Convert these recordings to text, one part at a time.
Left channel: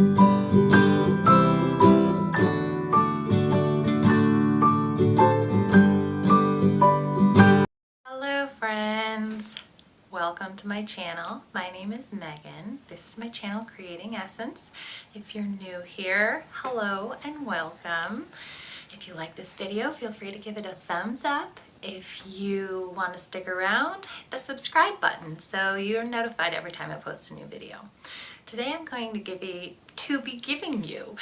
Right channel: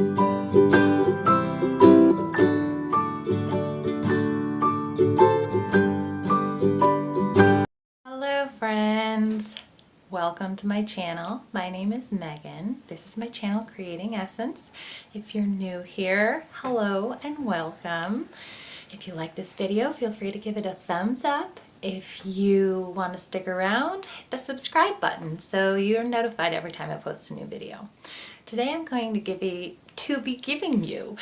Hello friends, welcome to my channel. My name is Megan. This is my channel, Creating Essence. If you're new here, hello and welcome. If you like this video, feel free to give it a thumbs up. If you want to stick around, hit the subscribe button so you're notified every time I post a new video. Today I'm going to be giving you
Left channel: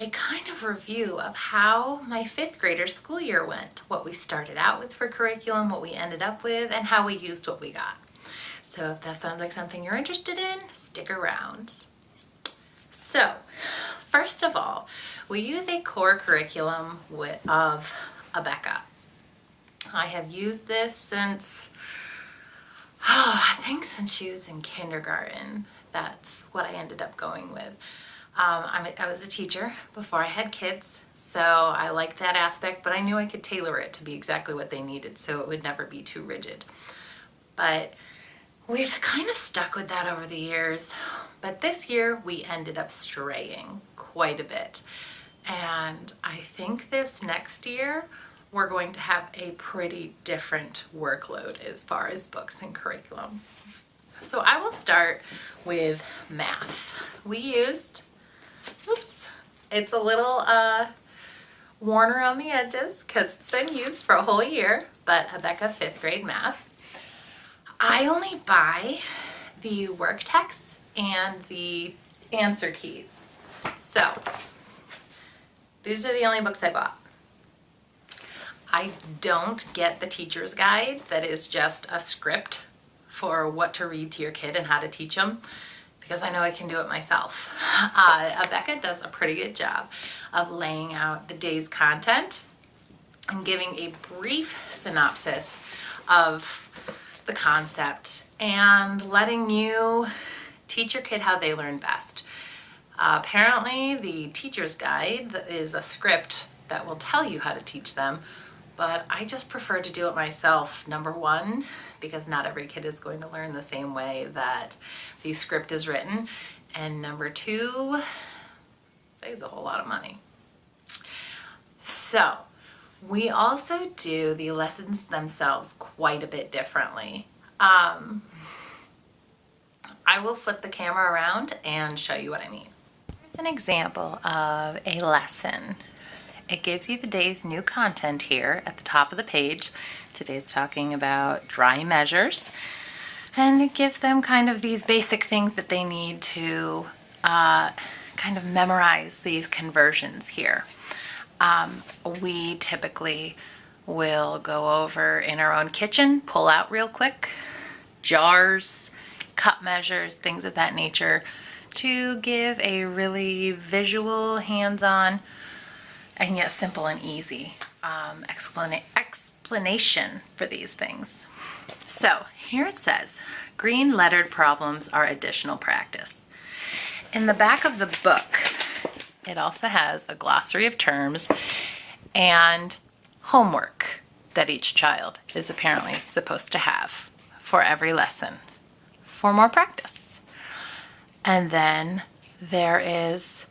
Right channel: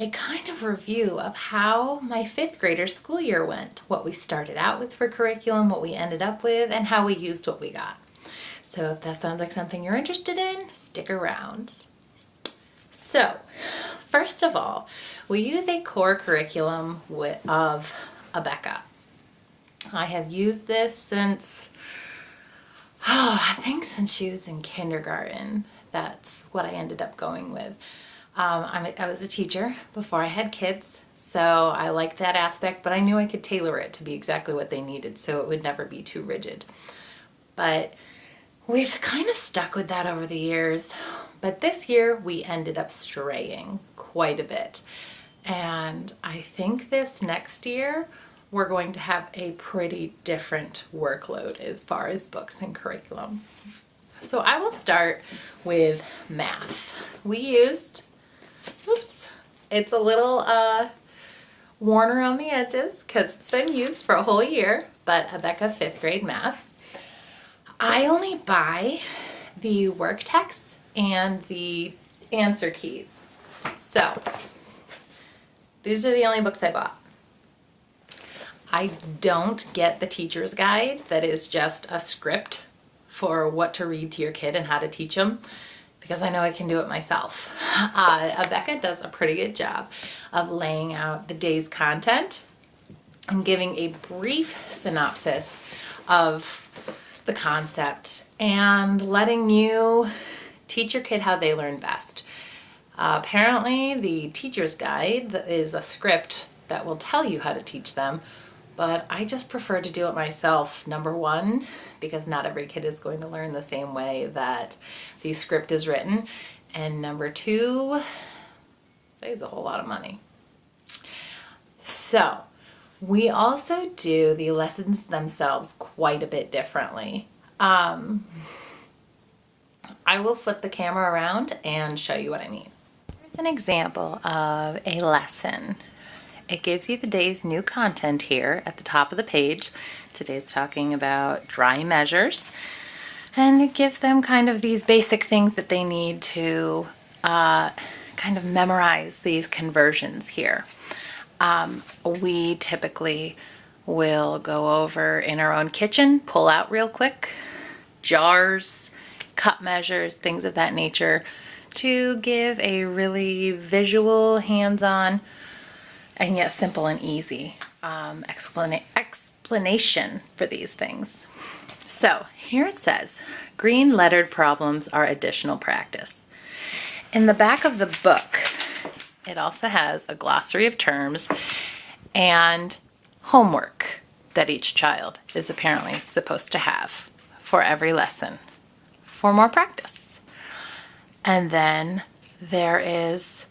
a kind of review of how my 5th grader school year went, what we started out with for curriculum, what we ended up with, and how we used what we got. So if that sounds like something you're interested in, stick around. So, first of all, we use a core curriculum of Abeka. I have used this since she was in kindergarten. That's what I ended up going with. I was a teacher before I had kids, so I liked that aspect, but I knew I could tailor it to be exactly what they needed, so it would never be too rigid. But we've kind of stuck with that over the years, but this year we ended up straying quite a bit. And I think this next year we're going to have a pretty different workload as far as books and curriculum. So I will start with math. We used, it's a little worn around the edges because it's been used for a whole year, but Abeka 5th grade math. I only buy the work texts and the answer keys. So these are the only books I bought. I don't get the teacher's guide that is just a script for what to read to your kid and how to teach them, because I know I can do it myself. Abeka does a pretty good job of laying out the day's content and giving a brief synopsis of the concept and letting you teach your kid how they learn best. Apparently, the teacher's guide is a script that will tell you how to teach them, but I just prefer to do it myself. Number one, because not every kid is going to learn the same way that the script is written. And number two, it saves a whole lot of money. So, we also do the lessons themselves quite a bit differently. I will flip the camera around and show you what I mean. Here's an example of a lesson. It gives you the day's new content here at the top of the page. Today it's talking about dry measures, and it gives them kind of these basic things that they need to kind of memorize these conversions here. We typically will go over in our own kitchen, pull out real quick, jars, cup measures, things of that nature, to give a really visual, hands-on, and yet simple and easy explanation for these things. So here it says, green lettered problems are additional practice. In the back of the book, it also has a glossary of terms and homework that each child is apparently supposed to have for every lesson for more practice. And then there is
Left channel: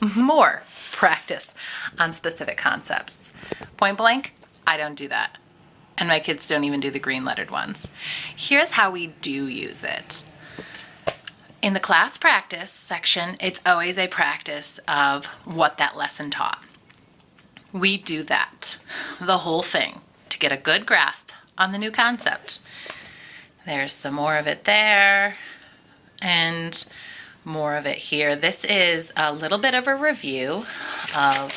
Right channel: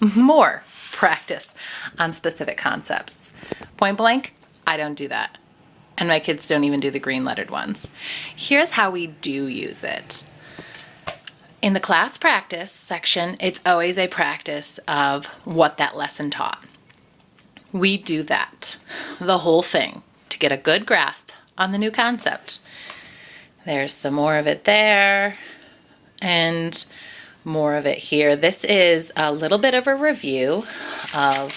more practice on specific concepts. Point blank, I don't do that. And my kids don't even do the green lettered ones. Here's how we do use it. In the class practice section, it's always a practice of what that lesson taught. We do that, the whole thing, to get a good grasp on the new concept. There's some more of it there, and more of it here. This is a little bit of a review of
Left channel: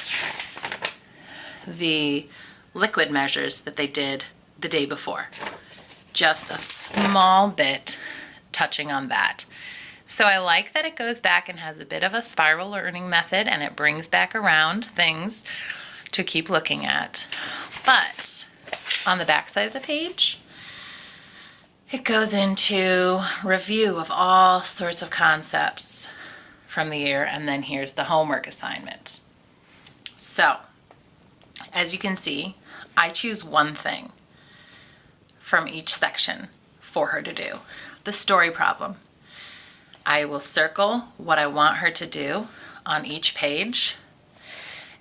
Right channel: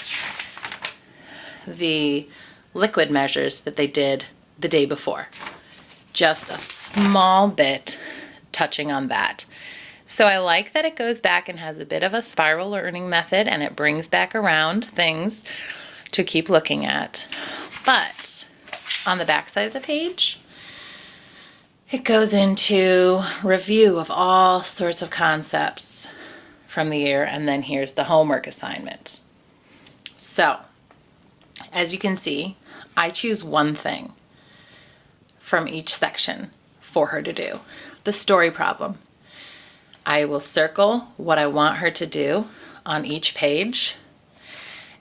the liquid measures that they did the day before. Just a small bit touching on that. So I like that it goes back and has a bit of a spiral learning method, and it brings back around things to keep looking at. But on the back side of the page, it goes into review of all sorts of concepts from the year, and then here's the homework assignment. So, as you can see, I choose one thing from each section for her to do. The story problem. I will circle what I want her to do on each page.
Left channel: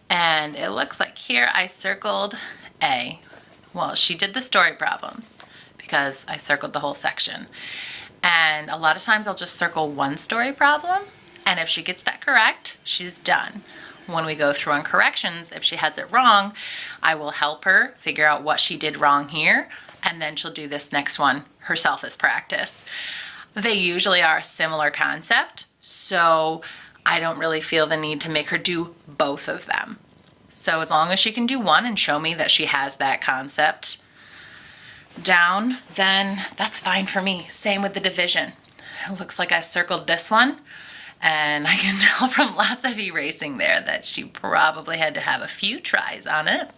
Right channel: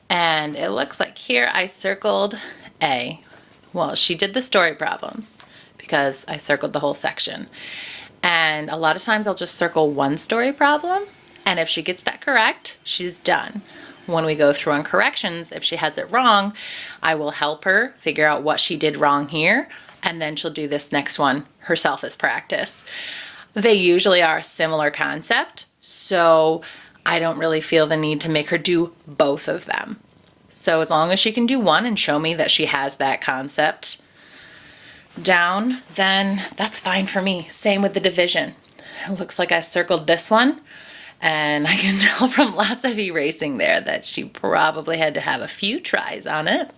And it looks like here I circled A. Well, she did the story problems because I circled the whole section. And a lot of times I'll just circle one story problem. And if she gets that correct, she's done. When we go through on corrections, if she has it wrong, I will help her figure out what she did wrong here. And then she'll do this next one herself as practice. They usually are a similar concept, so I don't really feel the need to make her do both of them. So as long as she can do one and show me that she has that concept down, then that's fine for me. Same with the division. It looks like I circled this one, and I can tell from lots of erasing there that she probably had to have a few tries on it,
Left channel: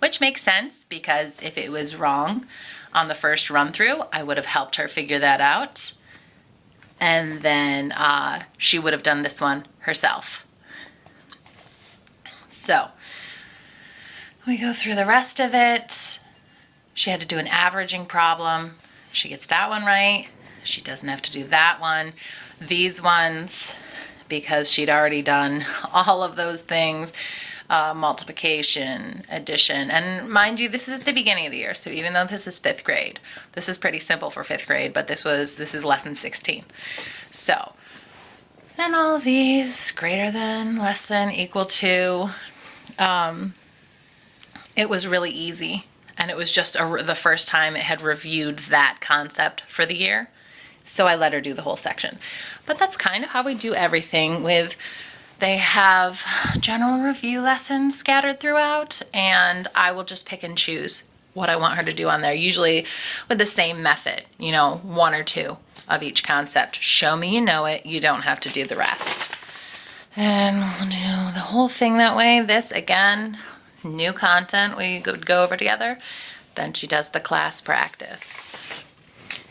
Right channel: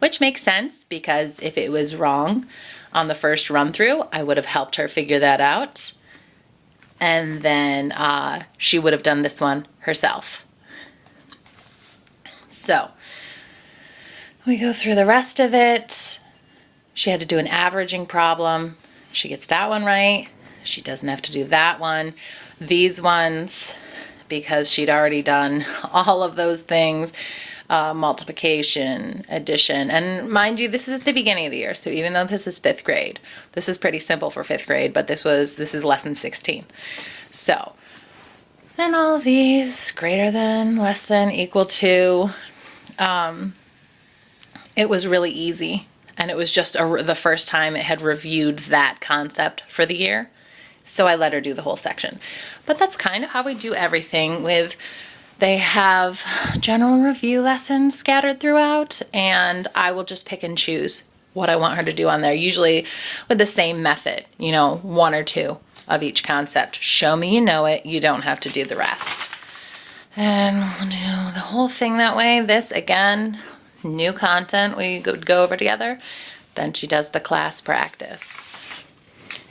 which makes sense because if it was wrong on the first run through, I would have helped her figure that out. And then she would have done this one herself. So we go through the rest of it. She had to do an averaging problem. She gets that one right. She doesn't have to do that one. These ones, because she'd already done all of those things, multiplication, addition, and mind you, this is at the beginning of the year, so even though this is 5th grade, this is pretty simple for 5th grade, but this is lesson 16. So, and all of these, greater than, less than, equal to, it was really easy, and it was just the first time it had reviewed that concept for the year, so I let her do the whole section. But that's kind of how we do everything with. They have general review lessons scattered throughout, and I will just pick and choose what I want her to do on there, usually with the same method, 1 or 2 of each concept. Show me you know it, you don't have to do the rest. And we'll do the whole thing that way. This, again, new content we go over together. Then she does the class practice.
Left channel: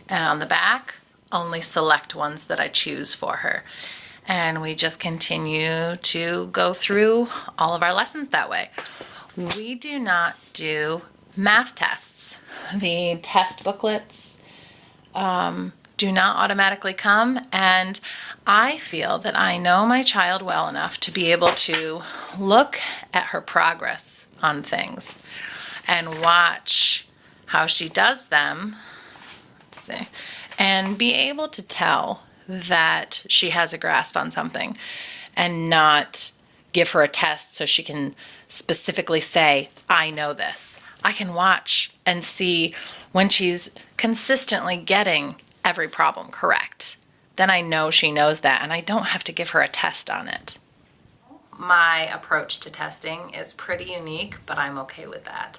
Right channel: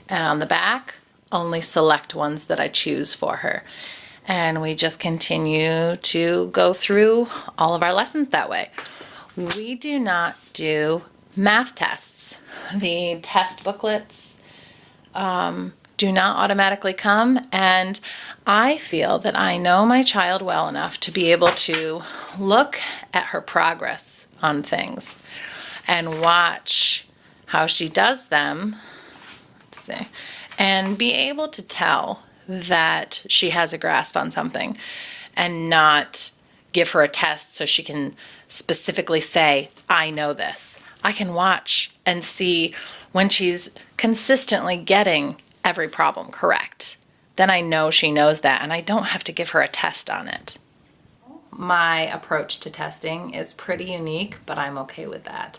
And on the back, only select ones that I choose for her. And we just continue to go through all of our lessons that way. We do not do math tests. The test booklets do not automatically come, and I feel that I know my child well enough to be able to look at her progress on things and watch how she does them, let's see, and be able to tell that she has a grasp on something and not give her a test so she can specifically say, I know this. I can watch and see when she's consistently getting every problem correct. Then I know she knows that, and I don't have to give her a test on it. My approach to testing is pretty unique, but I'm okay with that.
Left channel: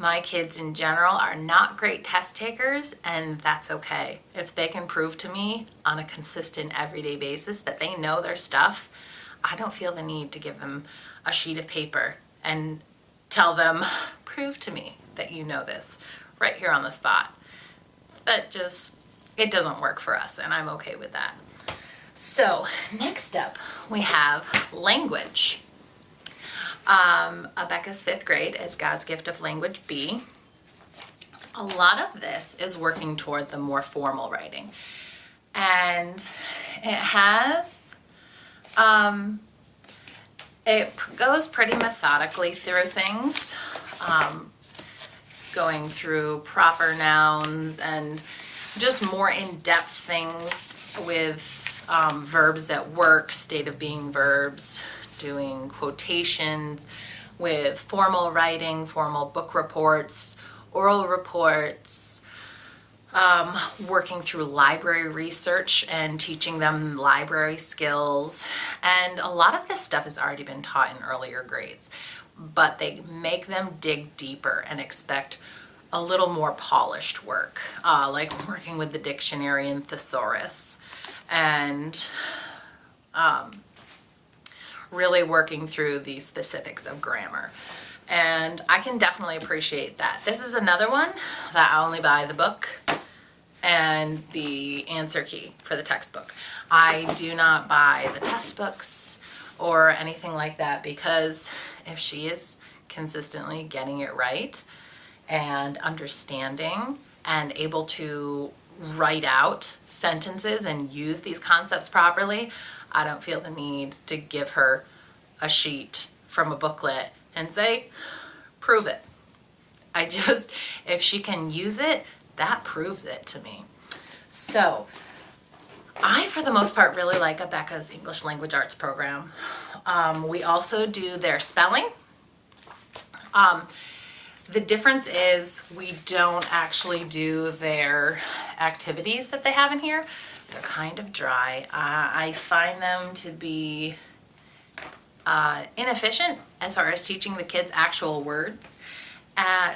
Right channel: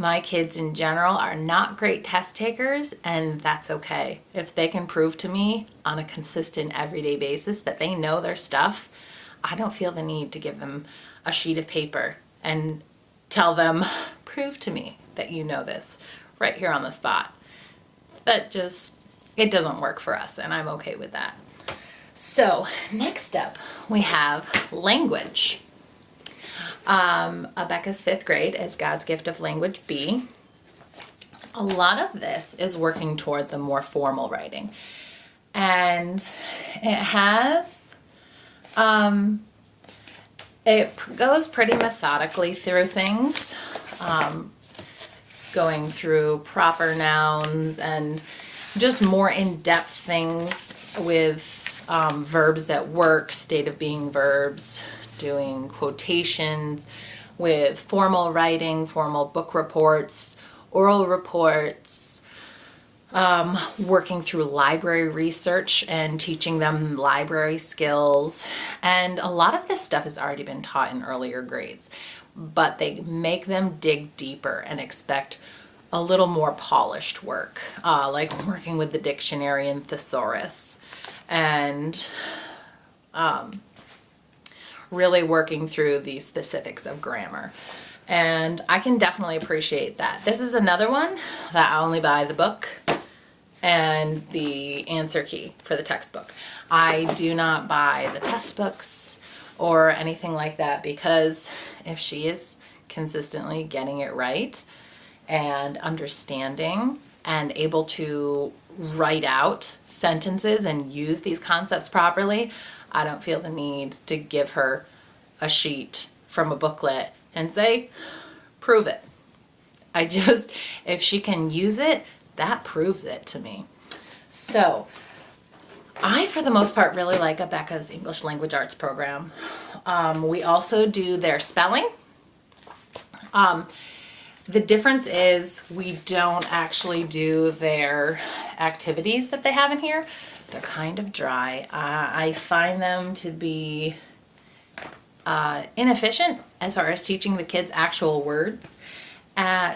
My kids in general are not great test takers, and that's okay. If they can prove to me on a consistent everyday basis that they know their stuff, I don't feel the need to give them a sheet of paper and tell them, prove to me that you know this right here on the spot. It doesn't work for us, and I'm okay with that. So next up, we have language. Becca's 5th grade is God's Gift of Language B. A lot of this is working toward the more formal writing. And it has, it goes pretty methodically through things, going through proper nouns and just more in-depth things with verbs at work, state of being verbs, doing quotations with formal writing, formal book reports, oral reports, working through library research and teaching them library skills. And a lot of this stuff has already been taught in earlier grades, but they make them dig deeper and expect a little more polished work, like working with the dictionary and thesaurus, and really working through the specifics of grammar. And I can definitely appreciate that. This is another one that I only buy the book and the answer key for the textbook. I do not buy the test books or anything like that, because if she is consistently getting it right and understanding and able to write out sentences and use these concepts properly, I don't feel the need to give her a sheet from a booklet and say, prove it. If she can use it, that proves it to me. So I, for the most part, really like Becca's English Language Arts program. We also do their spelling. The difference is we don't actually do their activities that they have in here. They're kind of dry. I find them to be inefficient as far as teaching the kids actual words.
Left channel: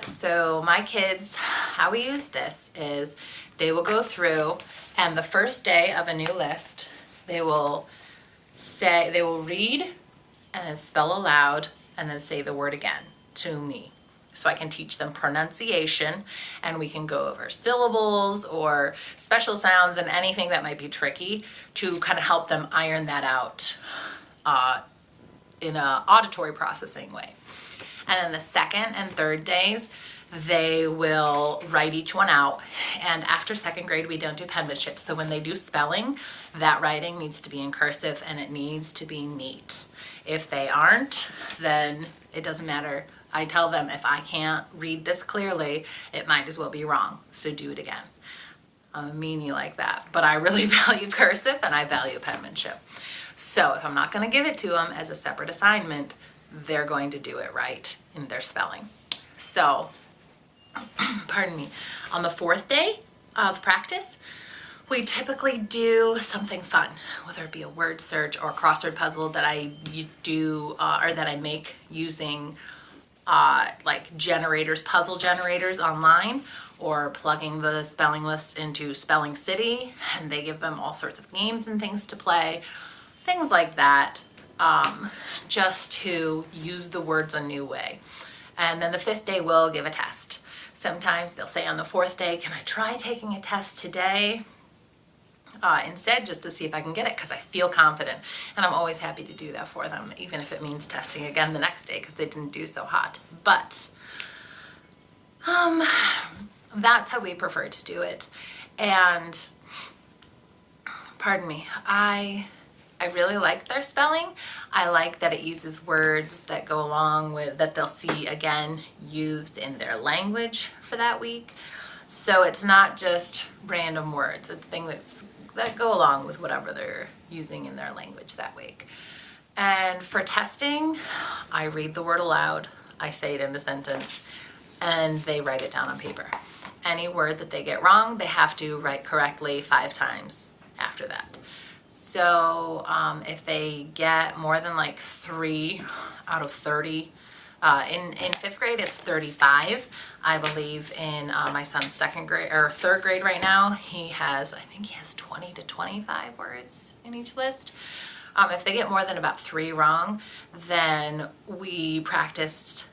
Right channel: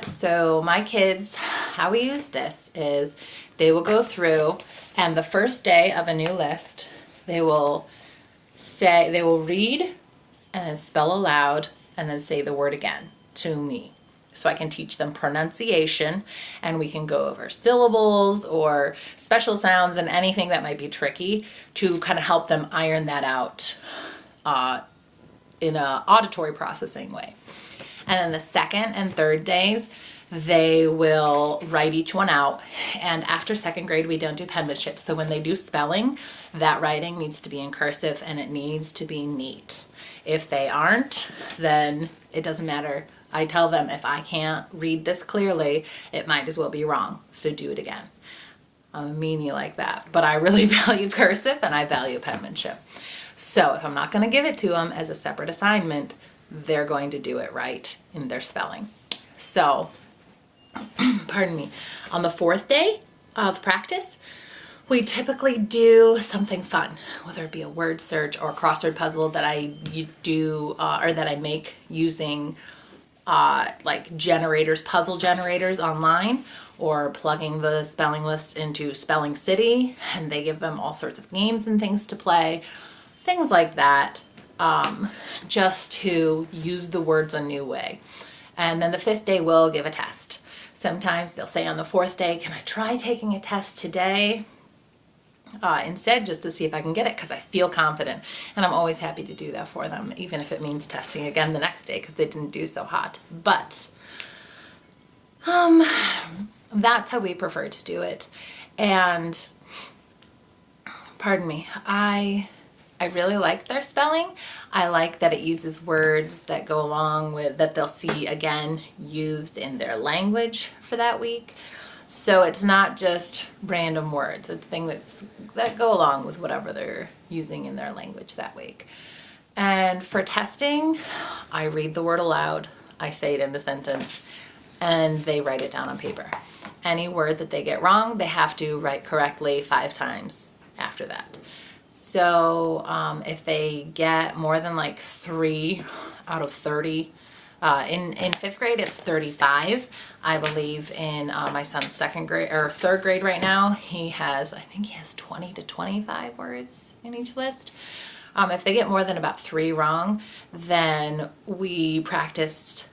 So my kids, how we use this is they will go through, and the first day of a new list, they will read and then spell aloud and then say the word again to me. So I can teach them pronunciation, and we can go over syllables or special sounds and anything that might be tricky to kind of help them iron that out in an auditory processing way. And then the second and third days, they will write each one out. And after second grade, we don't do penmanship. So when they do spelling, that writing needs to be in cursive and it needs to be neat. If they aren't, then it doesn't matter. I tell them, if I can't read this clearly, it might as well be wrong. So do it again. I'm a meanie like that. But I really value cursive and I value penmanship. So if I'm not going to give it to them as a separate assignment, they're going to do it right in their spelling. So, pardon me, on the fourth day of practice, we typically do something fun, whether it be a word search or a crossword puzzle that I do or that I make using like generators, puzzle generators online, or plugging the spelling list into Spelling City, and they give them all sorts of games and things to play, things like that, just to use the words a new way. And then the fifth day we'll give a test. Sometimes they'll say on the fourth day, can I try taking a test today? Instead, just to see if I can get it, because I feel confident. And I'm always happy to do that for them, even if it means testing again the next day because they didn't do so hot. But that's how we prefer to do it. And pardon me, I really like their spelling. I like that it uses words that go along with, that they'll see again used in their language for that week. So it's not just random words. It's things that go along with whatever they're using in their language that week. And for testing, I read the word aloud. I say it in the sentence, and they write it down on paper. Any word that they get wrong, they have to write correctly 5 times after that. So if they get more than like 3 out of 30, in fifth grade it's 35. I believe in my son's third grade right now, I think he has 20 to 25 words in each list. If they get more than about 3 wrong, then we practiced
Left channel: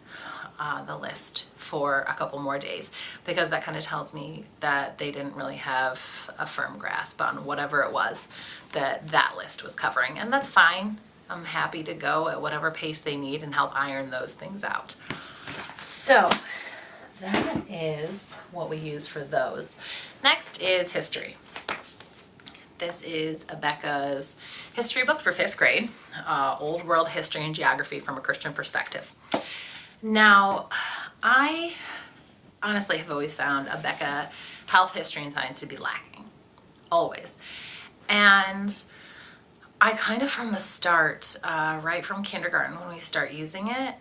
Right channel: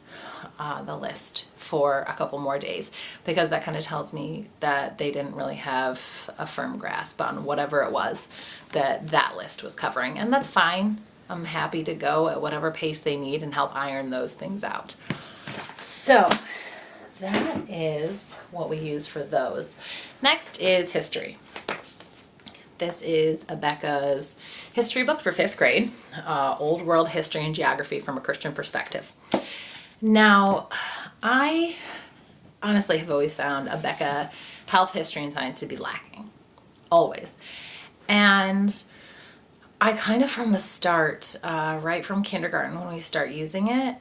the list for a couple more days, because that kind of tells me that they didn't really have a firm grasp on whatever it was that list was covering. And that's fine. I'm happy to go at whatever pace they need and help iron those things out. So that is what we use for those. Next is history. This is Becca's history book for 5th grade, Old World History and Geography from a Christian Perspective. Now, I honestly have always found Becca health, history, and science to be lacking. Always. And I kind of from the start, right from kindergarten when we start using it,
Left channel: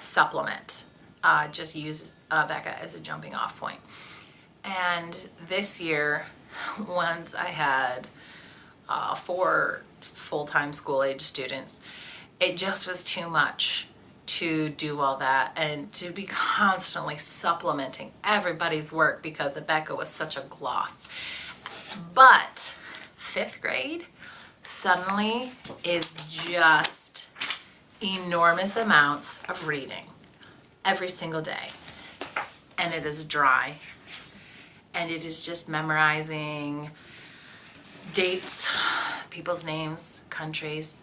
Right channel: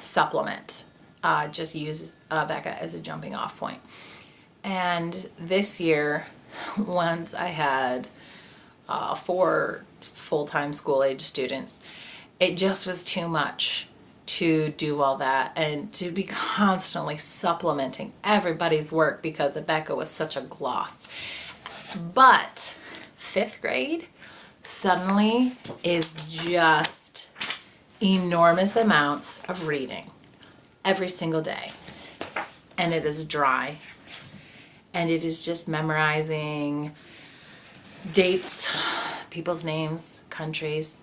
supplement. Just use Becca as a jumping off point. And this year, once I had 4 full-time school-age students, it just was too much to do all that and to be constantly supplementing everybody's work because Becca was such a gloss. But 5th grade suddenly is just enormous amounts of reading every single day. And it is dry. And it is just memorizing dates, people's names, countries.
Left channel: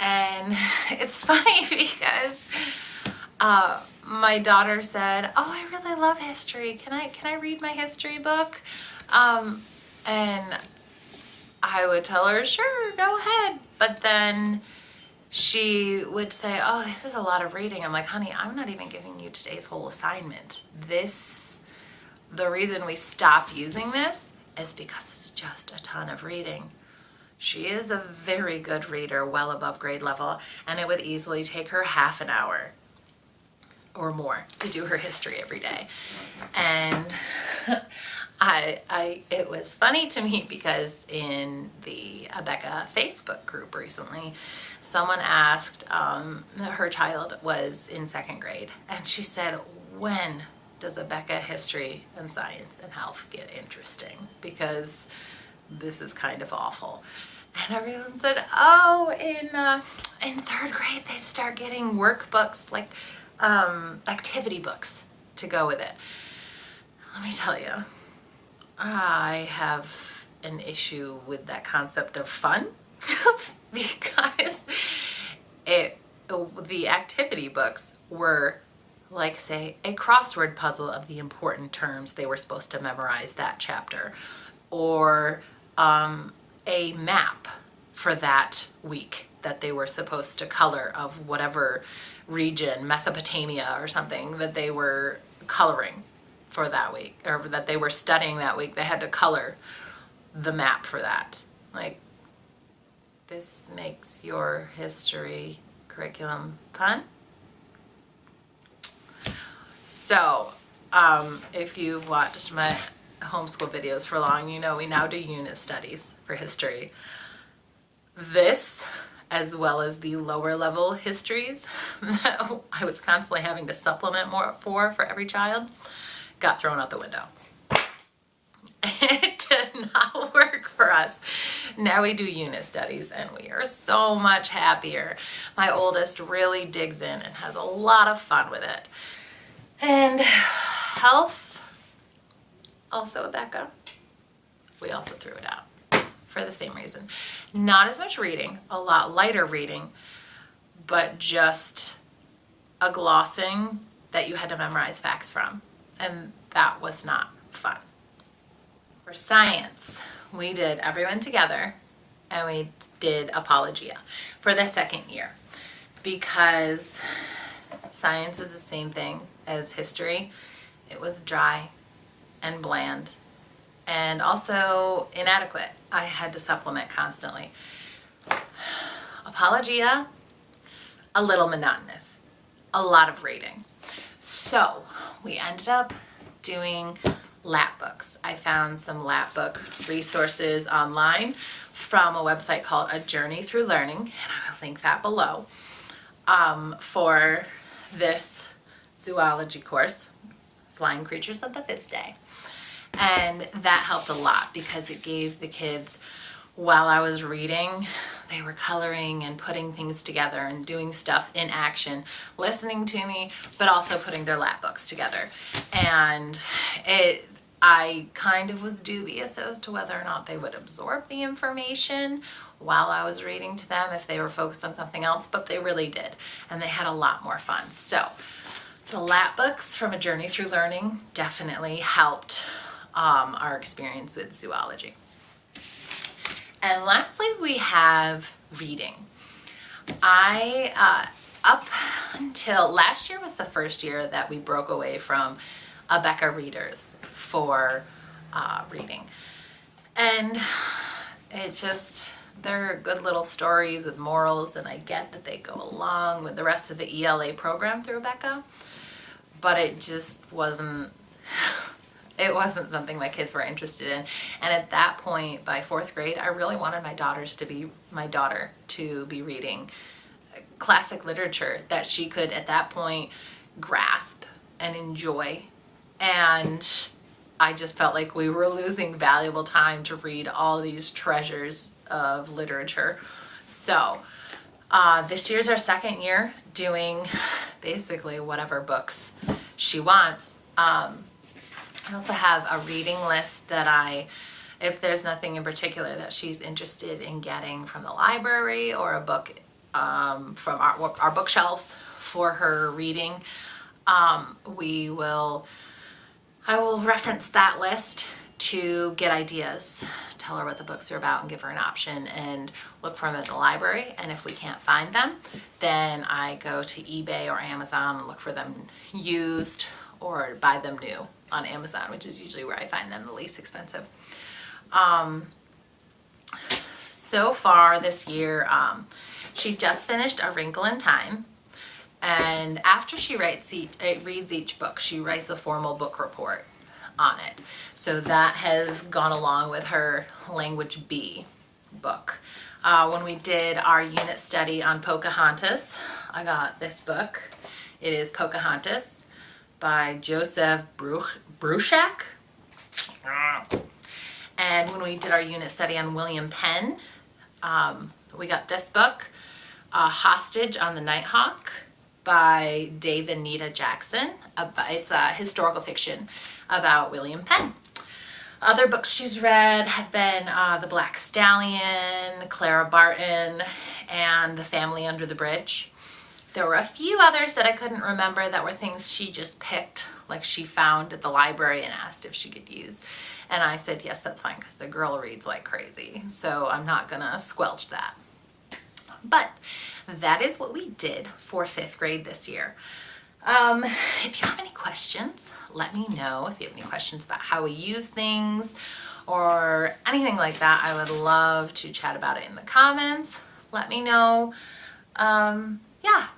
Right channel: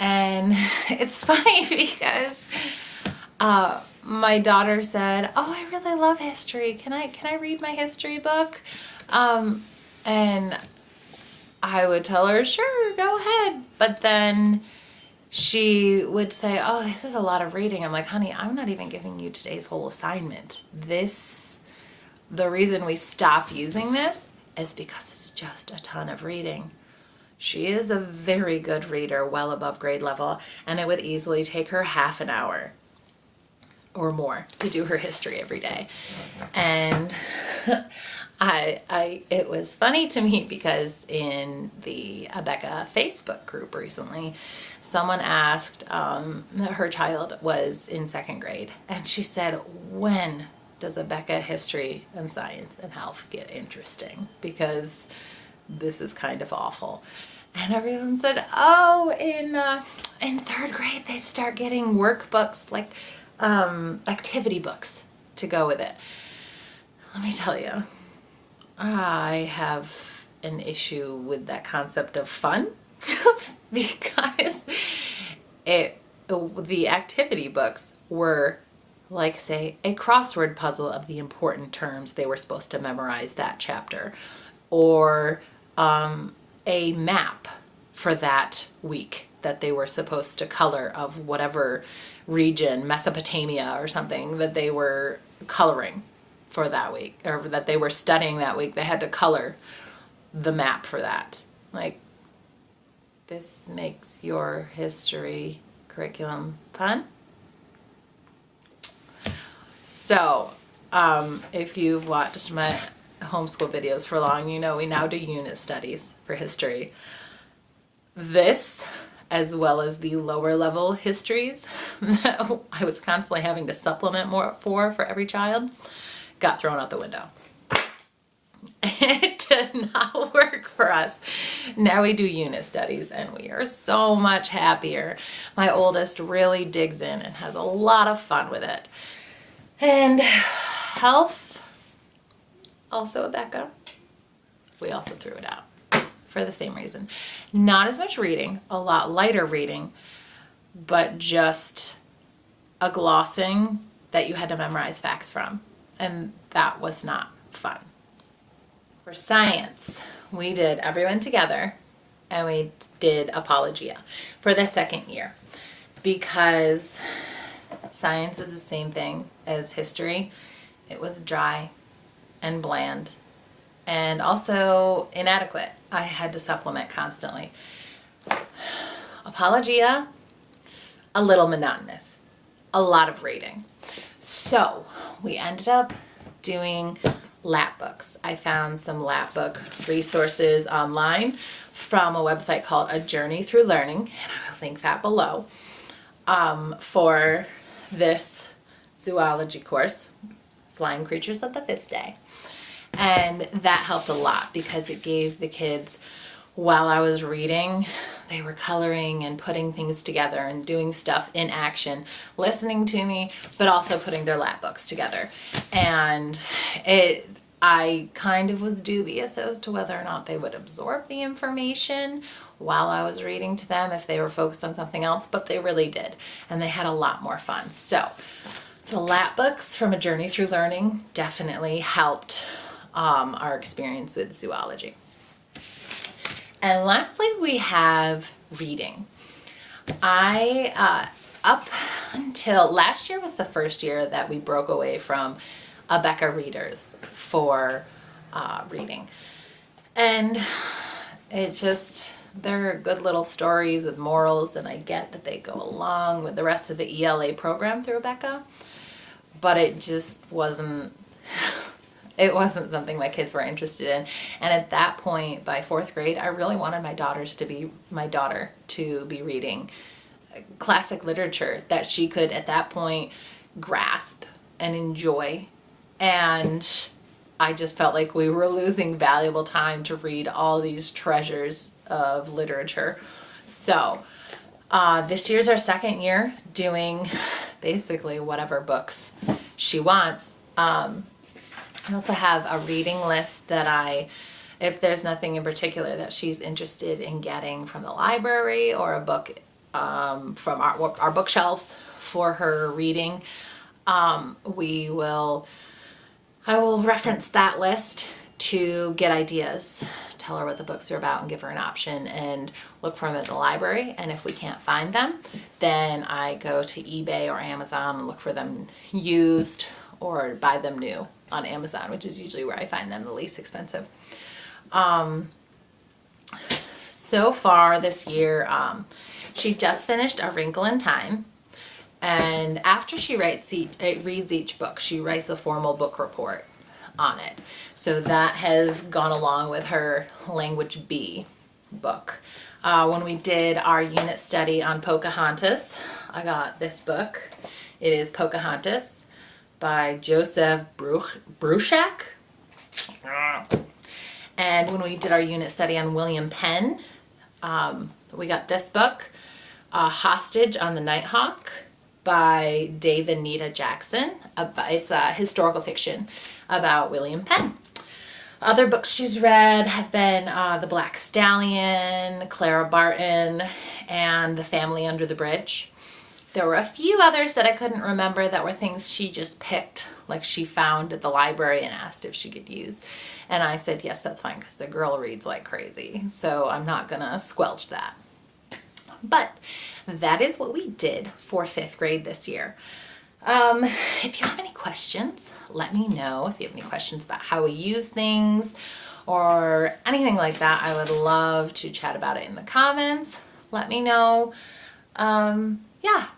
And it's funny because my daughter said, "Oh, I really love history. Can I read my history book?" And I would tell her, sure, go ahead. But then she would say, oh, this is a lot of reading. I'm like, honey, I'm not even giving you today's whole assignment. The reason we stopped using this is because it's just a ton of reading. She is a very good reader, well above grade level, and it would easily take her half an hour or more to do her history every day. And it was funny to me because in the Abeka Facebook group recently, someone asked, her child was in second grade, and she said, when does Abeka history and science and health get interesting? Because this is kind of awful. And everyone said, oh, in third grade, they start getting workbooks, like activity books to go with it. Let me tell you, I have an issue with that concept of fun because the activity books were like, say, a crossword puzzle of the important terms they were supposed to memorize that chapter, or a map for that week that they were supposed to color of whatever region, Mesopotamia or something, that they were coloring for that week, or that they were studying that week. They had to color the map for that. Like, this makes your history curriculum fun? So, if you've watched my homeschool videos for long, you know we now do unit studies for history. This, as well as the lower level histories that I was constantly having to supplement more for every child, got thrown out the window. It did not work for us. Now we do unit studies and we are so much happier. My oldest really digs in and has a lot of fun with it. And health, also Abeka, we also threw it out for the same reason. Not as much reading, a lot lighter reading, but just a glossing that you had to memorize facts from. And that was not fun. For science, we did everyone together and we did Apologia for the second year because science was the same thing as history. It was dry and bland and also inadequate. I had to supplement constantly. Apologia, a little monotonous, a lot of reading. So we ended up doing lap books. I found some lap book resources online from a website called A Journey Through Learning, and I will link that below, for this zoology course, Flying Creatures of the Fifth Day. And that helped a lot because it gave the kids, while I was reading, they were coloring and putting things together and doing stuff in action, listening to me, but also putting their lap books together. And I kind of was dubious as to whether or not they would absorb the information while I was reading to them if they were focused on something else, but they really did. And they had a lot more fun. So the lap books from A Journey Through Learning definitely helped our experience with zoology. And lastly, we have reading. Up until last year was the first year that we broke away from Abeka readers for reading. And they're good little stories with morals, and I get that they go along with the rest of the ELA program through Abeka, but it just wasn't something my kids were interested in. And at that point, by fourth grade, I really wanted my daughter to be reading classic literature that she could, at that point, grasp and enjoy. And I just felt like we were losing valuable time to read all these treasures of literature. So this year's our second year doing basically whatever books she wants. I also have a reading list that if there's nothing in particular that she's interested in getting from the library or a book from our bookshelves for her reading, I will reference that list to get ideas, tell her what the books are about and give her an option, and look for them at the library. And if we can't find them, then I go to eBay or Amazon and look for them used or buy them new on Amazon, which is usually where I find them the least expensive. So far this year, she just finished A Wrinkle in Time. And after she reads each book, she writes a formal book report on it. So that has gone along with her Language B book. When we did our unit study on Pocahontas, I got this book. It is Pocahontas by Joseph Bruchac. And when we did our unit study on William Penn, we got this book, Hostage on the Nighthawk by Dave and Nita Jackson. It's a historical fiction about William Penn. Other books she's read have been The Black Stallion, Clara Barton, and The Family Under the Bridge. There were a few others that I couldn't remember that were things she just picked, like she found at the library and asked if she could use. And I said, yes, that's fine, because the girl reads like crazy. So I'm not going to squelch that. But that is what we did for 5th grade this year. If you have any questions, let me know. If you have any questions about how we use things or anything like that, I would love to chat about it in the comments. Let me know. Yeah,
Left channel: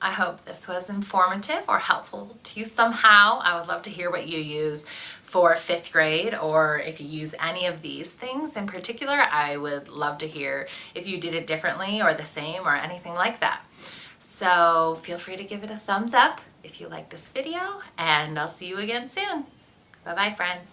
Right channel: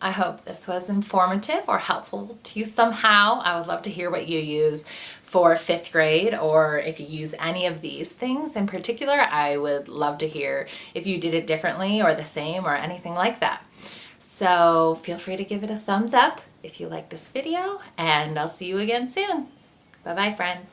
I hope this was informative or helpful to you somehow. I would love to hear what you use for 5th grade, or if you use any of these things in particular. I would love to hear if you did it differently or the same or anything like that. So feel free to give it a thumbs up if you like this video, and I'll see you again soon. Bye-bye, friends.